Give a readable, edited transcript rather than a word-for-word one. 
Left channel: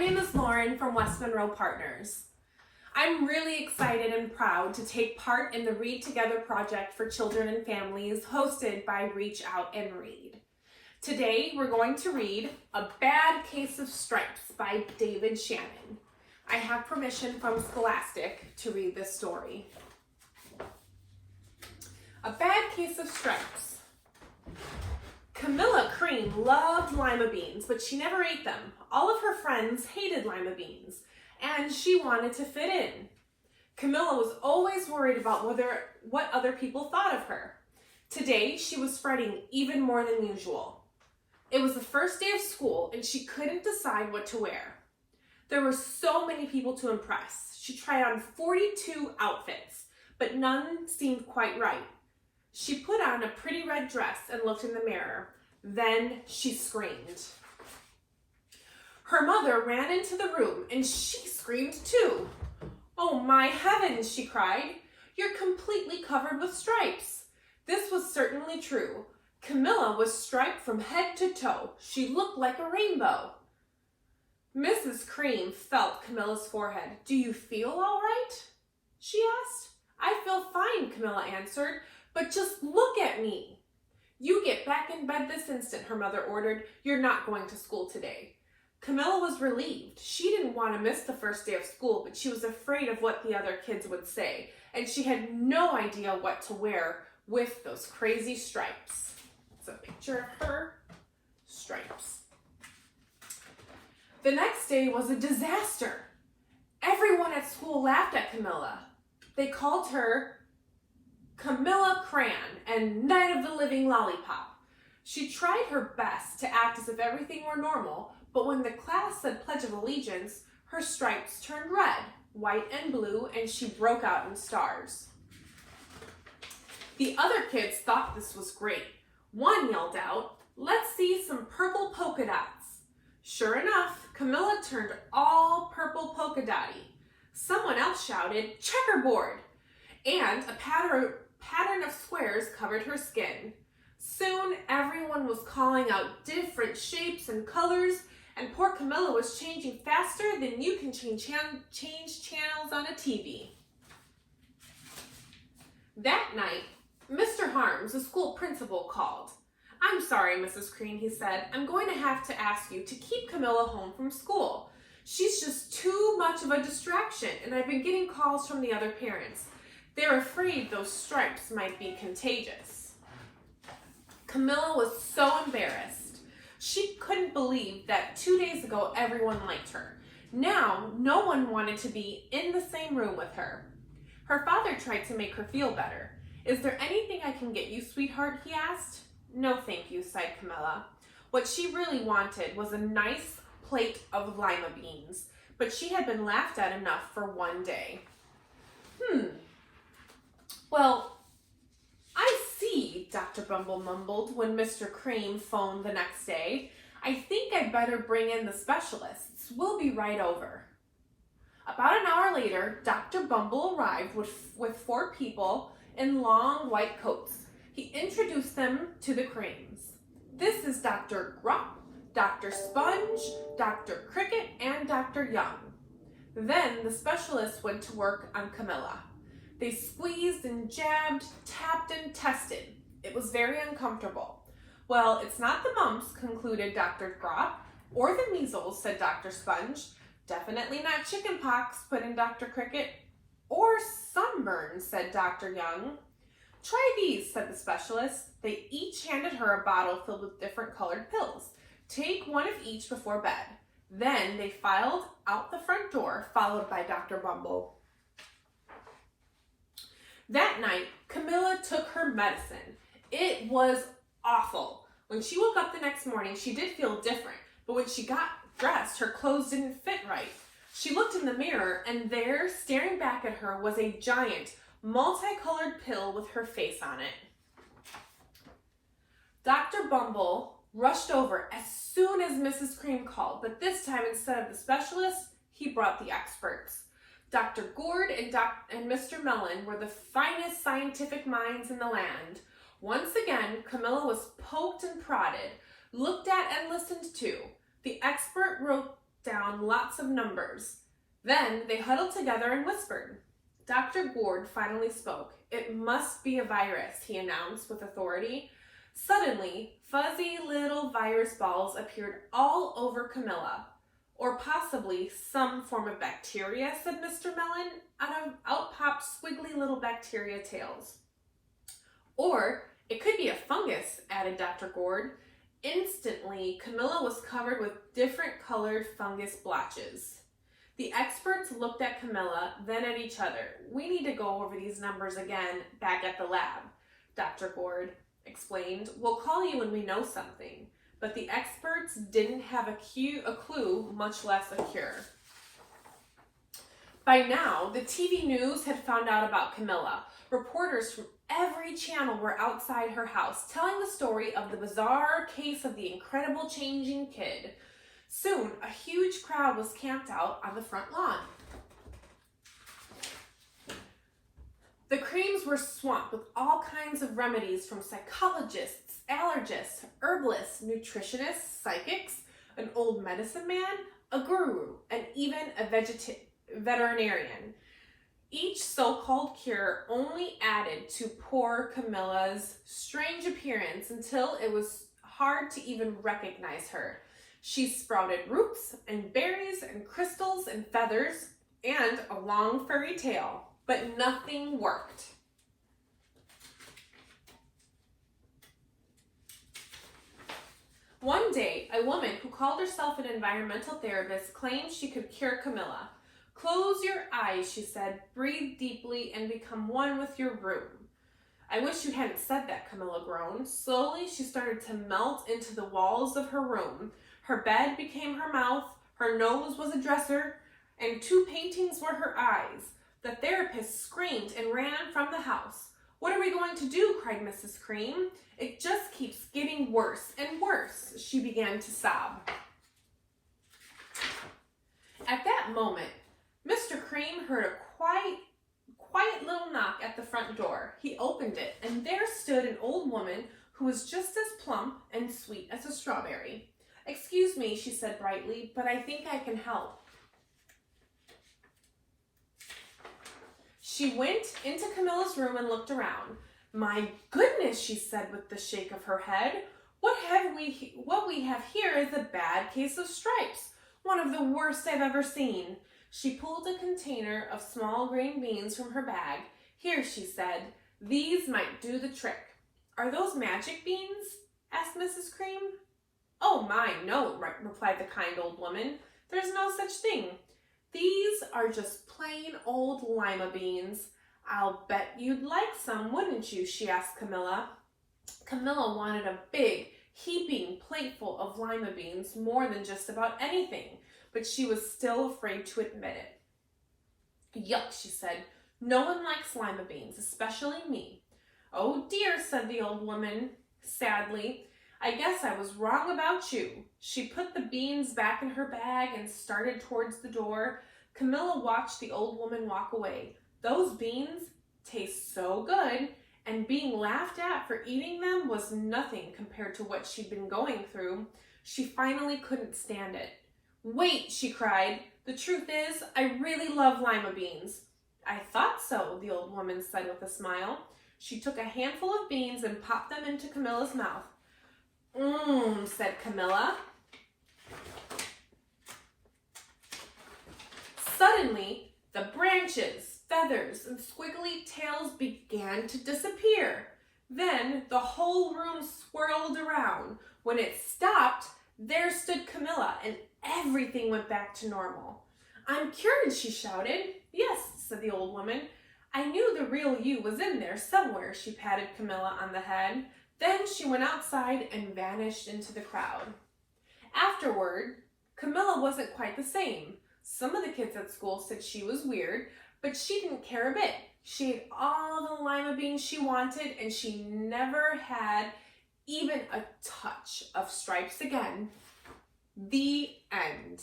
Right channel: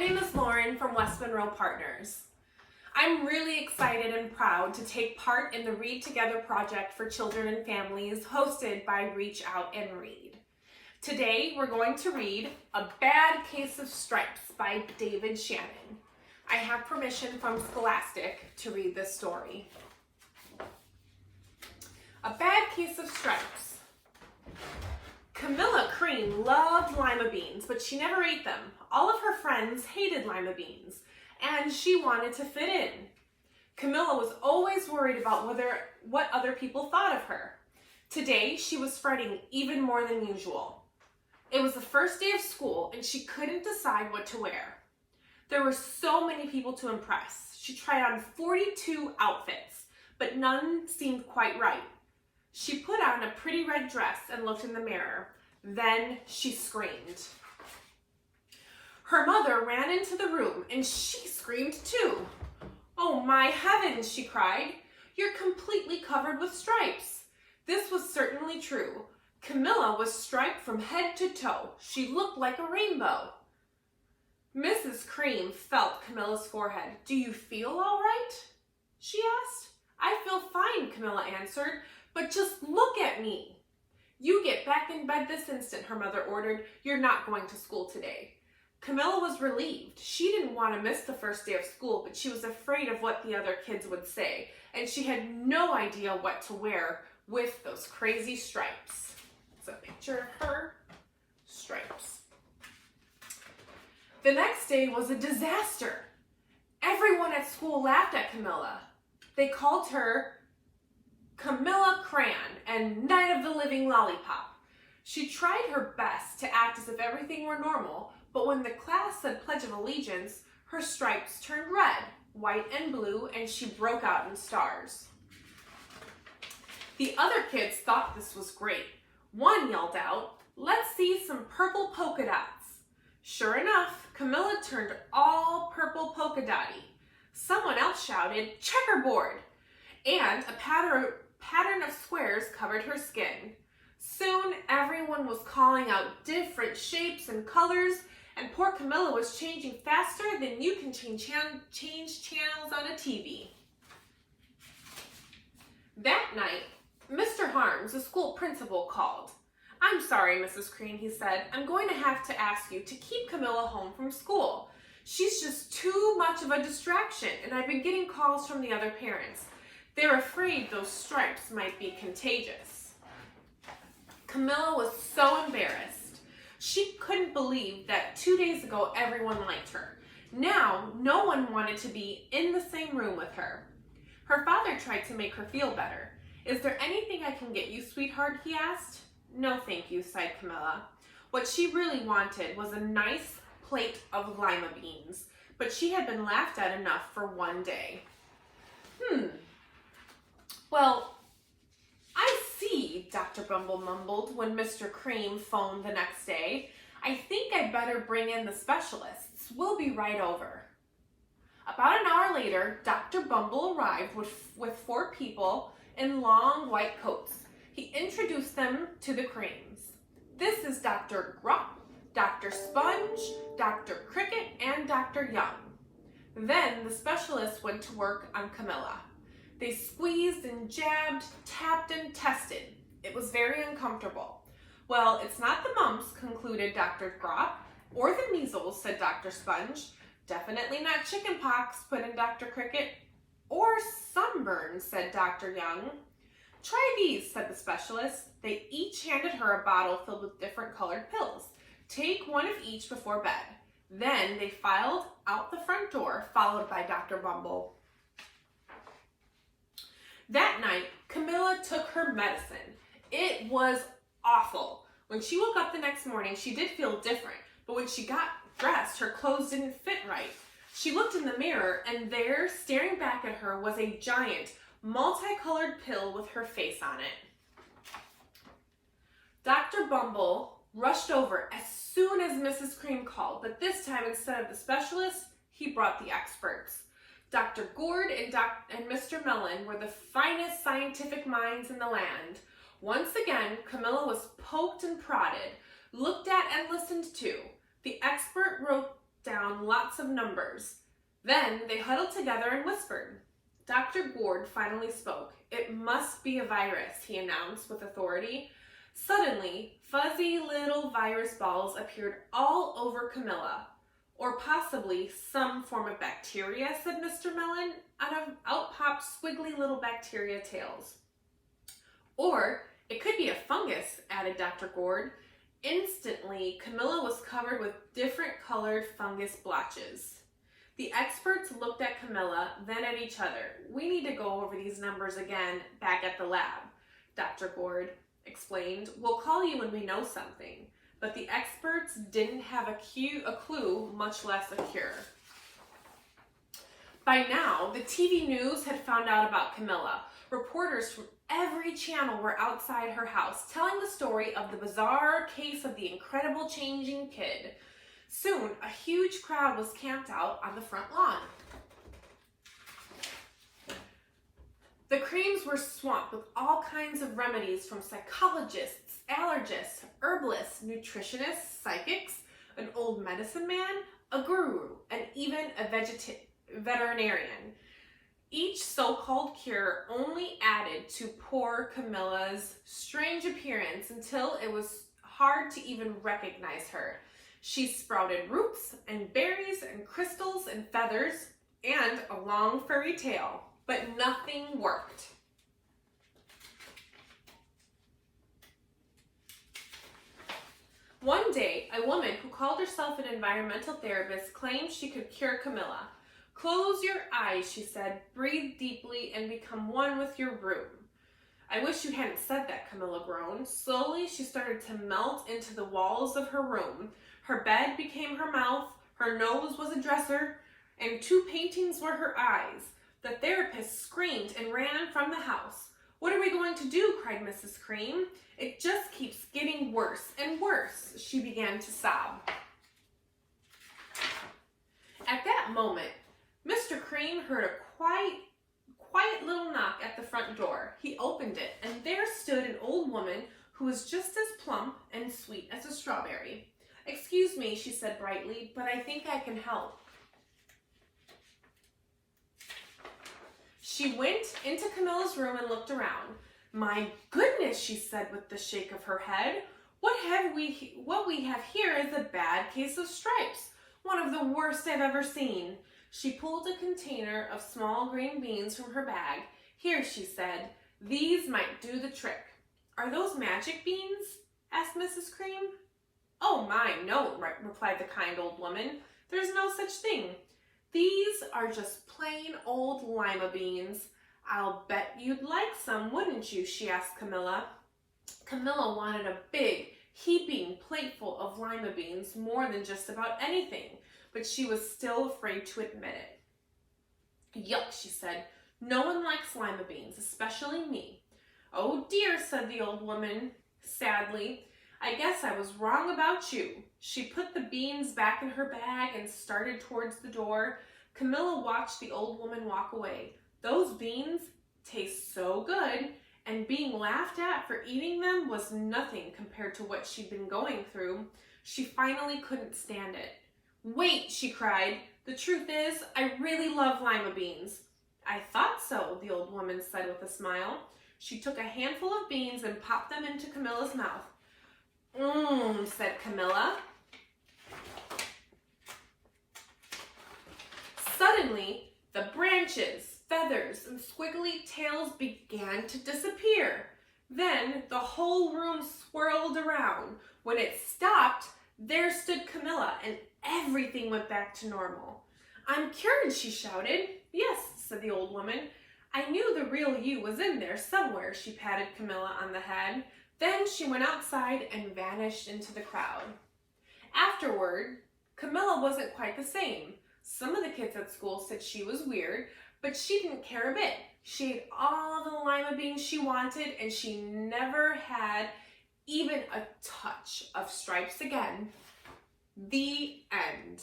name is Lauren from West Monroe Partners. I'm really excited and proud to take part in the Read Together project for children and families hosted by Reach Out and Read. Today we're going to read A Bad Case of Stripes by David Shannon. I have permission from Scholastic to read this story. A Bad Case of Stripes. Camilla Cream loved lima beans, but she never ate them. All of her friends hated lima beans, and she wanted to fit in. Camilla was always worried about what other people thought of her. Today, she was fretting even more than usual. It was the first day of school, and she couldn't decide what to wear. There were so many people to impress. She tried on 42 outfits, but none seemed quite right. She put on a pretty red dress and looked in the mirror. Then she screamed. Her mother ran into the room and she screamed too. "Oh my heavens," she cried. "You're completely covered with stripes." This was certainly true. Camilla was striped from head to toe. She looked like a rainbow. Mrs. Cream felt Camilla's forehead. "Do you feel all right?" she asked. "I feel fine," Camilla answered. "But just look at me." "You get back in bed this instant," her mother ordered. "You're not going to school today." Camilla was relieved. She didn't want to miss the first day of school, but she was afraid of what the other kids would say, and she had no idea what to wear with those crazy stripes. It's a picture of her stripes. The next day was a disaster. Everyone at school laughed at Camilla. They called her Camilla Crayon and Night of the Living Lollipop. She tried her best to act as if everything were normal, but when the class said Pledge of Allegiance, her stripes turned red, white, and blue, and she broke out in stars. The other kids thought this was great. One yelled out, "Let's see some purple polka dots." Sure enough, Camilla turned all purple polka dotty. Someone else shouted, "Checkerboard!" And a pattern of squares covered her skin. Soon, everyone was calling out different shapes and colors, and poor Camilla was changing faster than you can change channels on a TV. That night, Mr. Harms, the school principal, called. "I'm sorry, Mrs. Cream," he said. "I'm going to have to ask you to keep Camilla home from school. She's just too much of a distraction, and I've been getting calls from the other parents. They're afraid those stripes might be contagious." Camilla was so embarrassed. She couldn't believe that 2 days ago everyone liked her. Now, no one wanted to be in the same room with her. Her father tried to make her feel better. "Is there anything I can get you, sweetheart?" he asked. "No, thank you," sighed Camilla. What she really wanted was a nice plate of lima beans, but she had been laughed at enough for one day. "Well, I see," Dr. Bumble mumbled when Mr. Cream phoned the next day. "I think I'd better bring in the specialists. We'll be right over." About an hour later, Dr. Bumble arrived with 4 people in long white coats. He introduced them to the Creams. "This is Dr. Grop, Dr. Sponge, Dr. Cricket, and Dr. Young." Then the specialists went to work on Camilla. They squeezed and jabbed, tapped and tested. It was very uncomfortable. "Well, it's not the mumps," concluded Dr. Grop. "Or the measles," said Dr. Sponge. "Definitely not chicken pox," put in Dr. Cricket. "Or sunburn," said Dr. Young. "Try these," said the specialist. They each handed her a bottle filled with different colored pills. "Take one of each before bed." Then they filed out the front door, followed by Dr. Bumble. That night, Camilla took her medicine. It was awful. When she woke up the next morning, she did feel different, but when she got dressed, her clothes didn't fit right. She looked in the mirror, and there, staring back at her, was a giant, multicolored pill with her face on it. Dr. Bumble rushed over as soon as Mrs. Cream called, but this time, instead of the specialist, he brought the experts. Dr. Gourd and Mr. Mellon were the finest scientific minds in the land. Once again, Camilla was poked and prodded, looked at and listened to. The expert down lots of numbers. Then they huddled together and whispered. Dr. Gourd finally spoke. "It must be a virus," he announced with authority. Suddenly, fuzzy little virus balls appeared all over Camilla. "Or possibly some form of bacteria," said Mr. Mellon. Out popped squiggly little bacteria tails. "Or it could be a fungus," added Dr. Gourd. Instantly, Camilla was covered with different colored fungus blotches. The experts looked at Camilla, then at each other. "We need to go over these numbers again back at the lab," Dr. Gourd explained. "We'll call you when we know something." But the experts didn't have a clue, much less a cure. By now, the TV news had found out about Camilla. Reporters from every channel were outside her house, telling the story of the bizarre case of the incredible changing kid. Soon, a huge crowd was camped out on the front lawn. The creams were swamped with all kinds of remedies from psychologists, allergists, herbalists, nutritionists, psychics, an old medicine man, a guru, and even a veterinarian. Each so-called cure only added to poor Camilla's strange appearance until it was hard to even recognize her. She sprouted roots and berries and crystals and feathers and a long furry tail, but nothing worked. One day, a woman who called herself an environmental therapist claimed she could cure Camilla. "Close your eyes," she said, "breathe deeply and become one with your room." "I wish you hadn't said that," Camilla groaned. Slowly, she started to melt into the walls of her room. Her bed became her mouth, her nose was a dresser, and 2 paintings were her eyes. The therapist screamed and ran from the house. "What are we going to do?" cried Mrs. Cream. "It just keeps getting worse and worse," she began to sob. At that moment, Mr. Cream heard a quiet little knock at the front door. He opened it, and there stood an old woman who was just as plump and sweet as a strawberry. "Excuse me," she said brightly, "but I think I can help." She went into Camilla's room and looked around. "My goodness," she said with the shake of her head. What we have here is a bad case of stripes, one of the worst I've ever seen." She pulled a container of small green beans from her bag. "Here," she said, "these might do the trick." "Are those magic beans?" asked Mrs. Cream. "Oh my, no," replied the kind old woman. "There's no such thing. These are just plain old lima beans. I'll bet you'd like some, wouldn't you?" she asked Camilla. Camilla wanted a big, heaping plateful of lima beans more than just about anything, but she was still afraid to admit it. "Yuck," she said. "No one likes lima beans, especially me." "Oh dear," said the old woman sadly. "I guess I was wrong about you." She put the beans back in her bag and started towards the door. Camilla watched the old woman walk away. Those beans taste so good, and being laughed at for eating them was nothing compared to what she'd been going through. She finally couldn't stand it. "Wait," she cried. "The truth is, I really love lima beans." "I thought so," the old woman said with a smile. She took a handful of beans and popped them into Camilla's mouth. "Mmm," said Camilla. Suddenly, the branches, feathers, and squiggly tails began to disappear. Then the whole room swirled around. When it stopped, there stood Camilla, and everything went back to normal. "I'm cured," she shouted. "Yes," said the old woman. "I knew the real you was in there somewhere." She patted Camilla on the head. Then she went outside and vanished into the crowd. Afterward, Camilla wasn't quite the same. Some of the kids at school said she was weird, but she didn't care a bit. She ate all the lima beans she wanted, and she never had even a touch of stripes again. The end.